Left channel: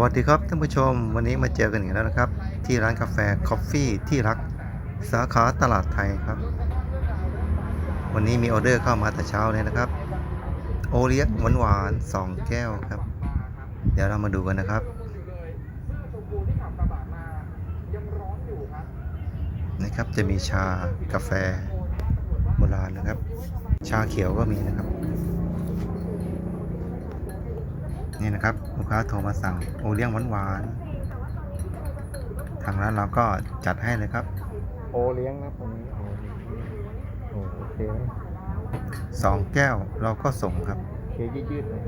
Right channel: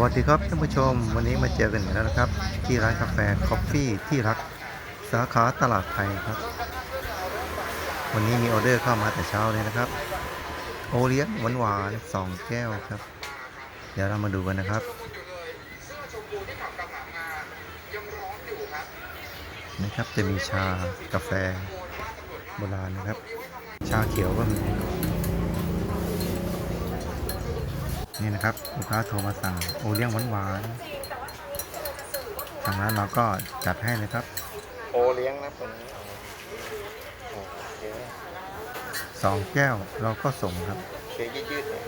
วัสดีครับท่านผู้ชม วันนี้มาเจอกันอีกแล้วนะครับ ที่ร้านกาแฟคอฟฟี่ที่รักสาขาตลาดไทยครับ วันนี้มีออเดอร์เข้ามาแต่เช้าเลยนะครับ โอเลี้ยงหวานหวานสองแก้วครับ เดี๋ยวเรามาดูกันนะครับนะครับจะมีชากาแฟโบราณนะครับ ชาเขียวก็มีนะครับ นี่นะครับลูกค้าโทรมาสั่งโอเลี้ยงหวานๆทางร้านเราก็จัดให้เลยครับ โอเลี้ยงนะตรงนี้โอโอเคสองแก้วเราก็ส่งครับเคยืดๆหน่อย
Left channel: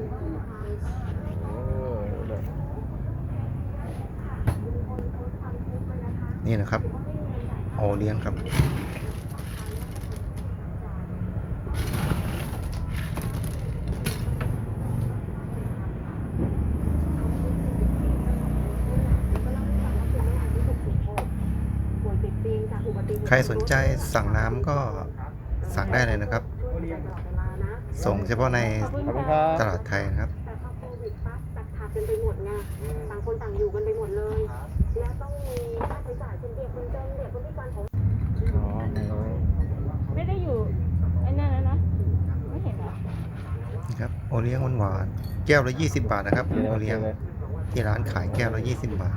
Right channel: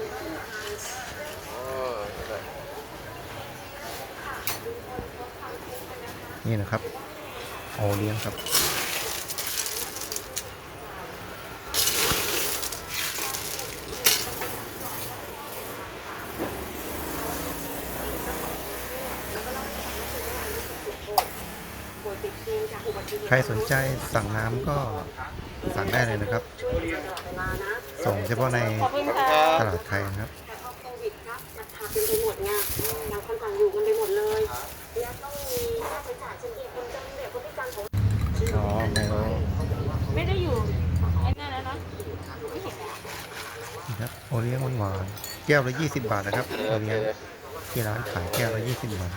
โอ้ยนี่นะครับ โอเลี้ยงครับ ใครสนใจสั่งน้ำก็สั่งได้เลยนะครับ ส่งเฉพาะในตลาดไทยนะครับแต่พอโควิดปั๊บจัดฉากเป็นไปหมดไงต่างคนต่างอยู่กันไปหมดเลย แล้วต้องมีค่าใช้จ่ายเช่นเดียวคนจนเด็กคนพิการของอ๋อไม่รู้ไม่ได้อยู่ไอ้นั่นแล้วนะไม่เห็นแล้วนะครับโอเลี้ยงหวานๆแก้วละ 20 บาทนะครับโอเลี้ยงที่ร้านขายแก้วละ 20 บาท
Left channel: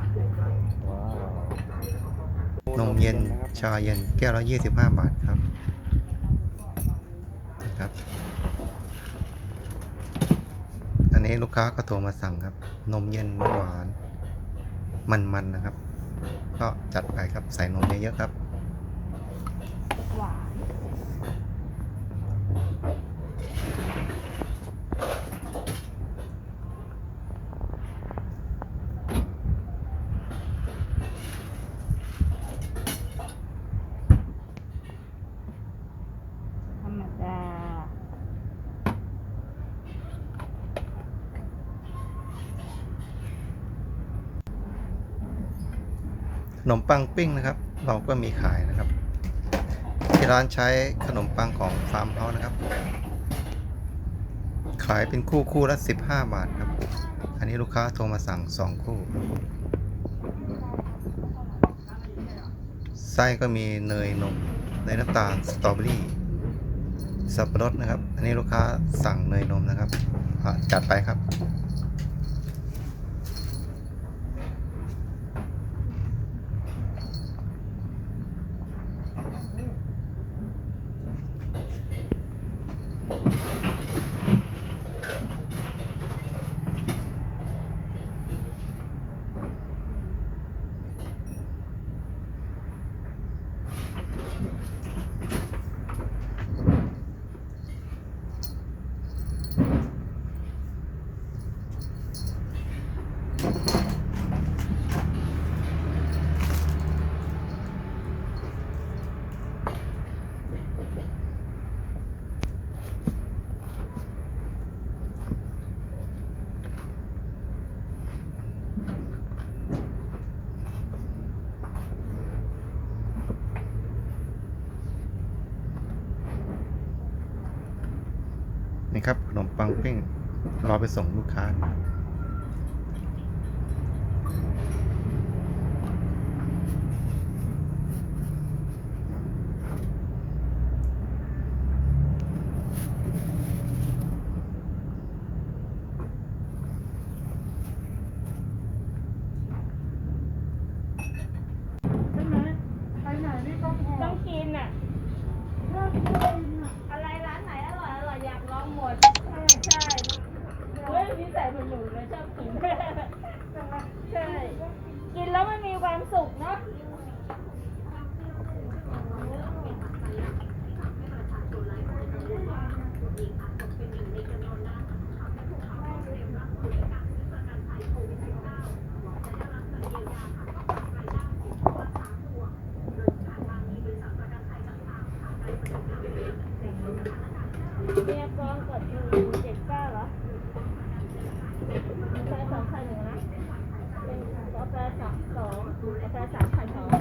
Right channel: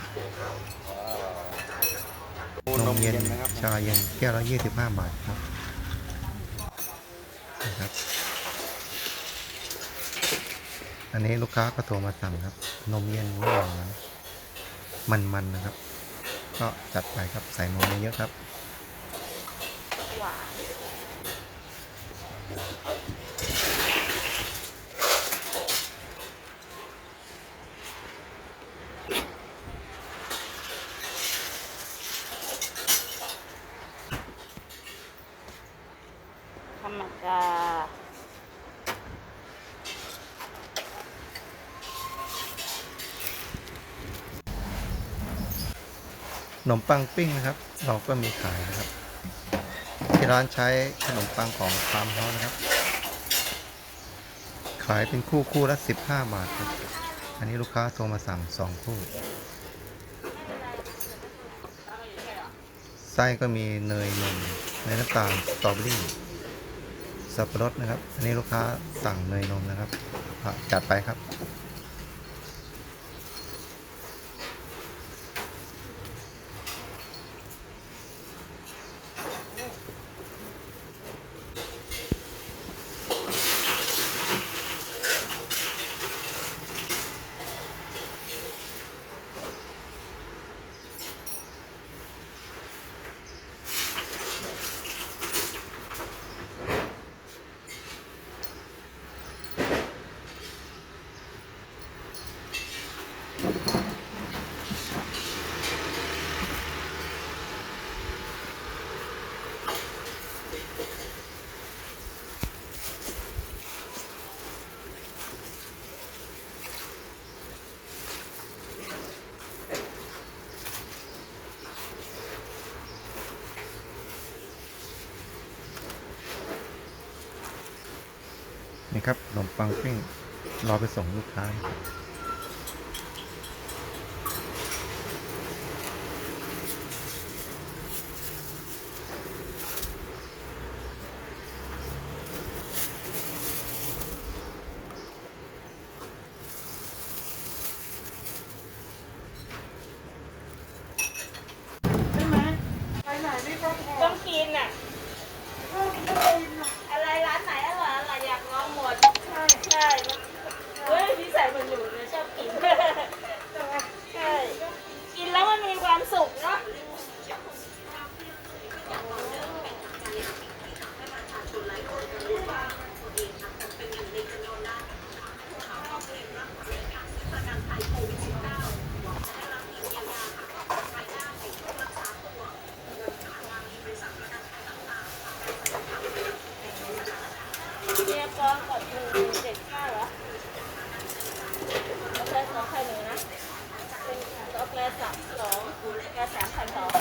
นมเย็นชาเย็นแก้วละ25บาทครับนะครับ อันนี้ลูกค้าก็โทรมาสั่งครับ นมเย็นหวานๆมันๆนะครับ ก็จัดไปครับใส่นมเยอะๆครับ ธรรมดาขนมปังปิ้งนะครับ เราก็มีขายนะครับ ที่ร้านใช้ขนมปังของฟาร์มเฮานะครับ ขายเป็นคู่คู่ละ 15 บาทครับ อันนี้ลูกค้าโทรมาสั่ง 2 คู่ ไส้ก็มีเนยนมเนน้ำตาลสตรอเบอรี่ สับปะรดนะครับ อันนี้ลูกค้าสั่งเนยนมนะครับจัดไปครับ ปังปิ้งรอไปส่งลูกค้า 不要转太高。